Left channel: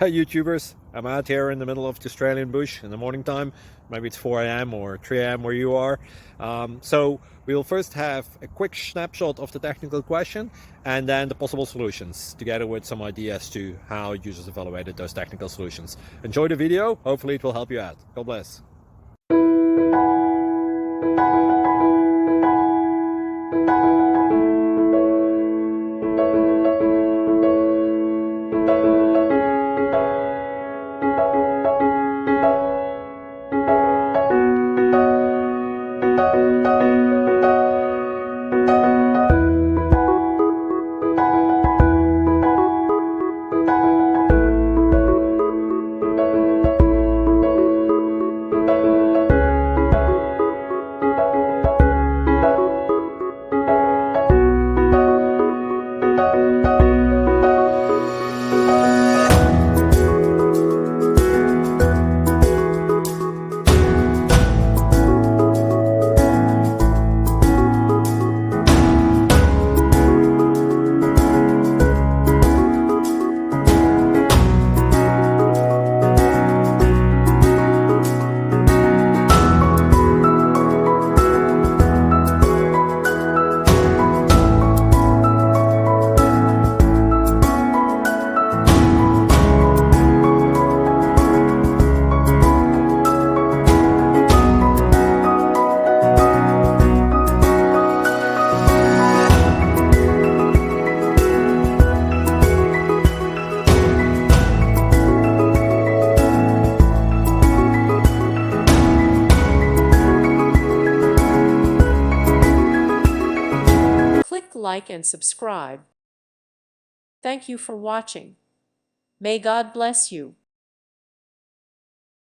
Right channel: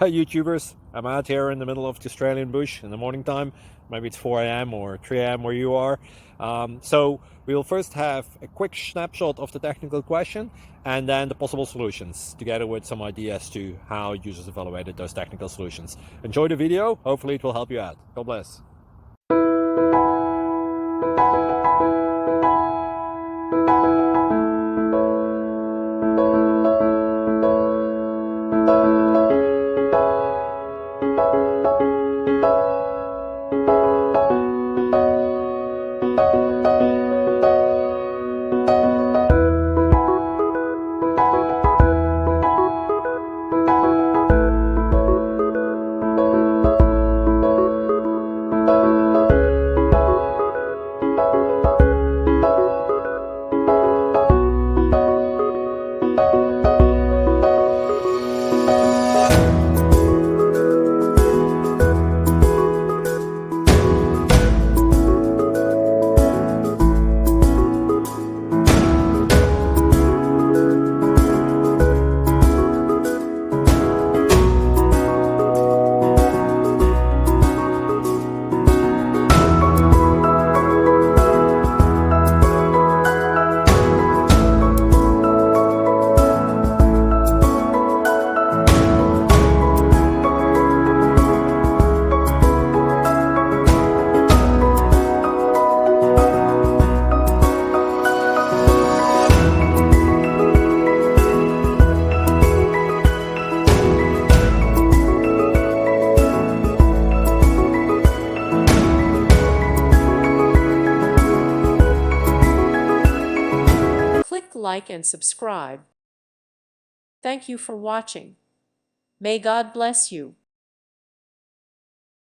Hi YouTubers, I'm out here in the middle of the Australian bush in the morning time. Maybe it's 4 a.m. or 3 a.m. where you are. So we'll first have a quick snapshot of the technical question and then the possible solutions, together with some ideas to how users evaluated those technical solutions. Enjoy the video, hopefully it will help you out. God bless. Click like and subscribe. Thank you for watching. May God bless you.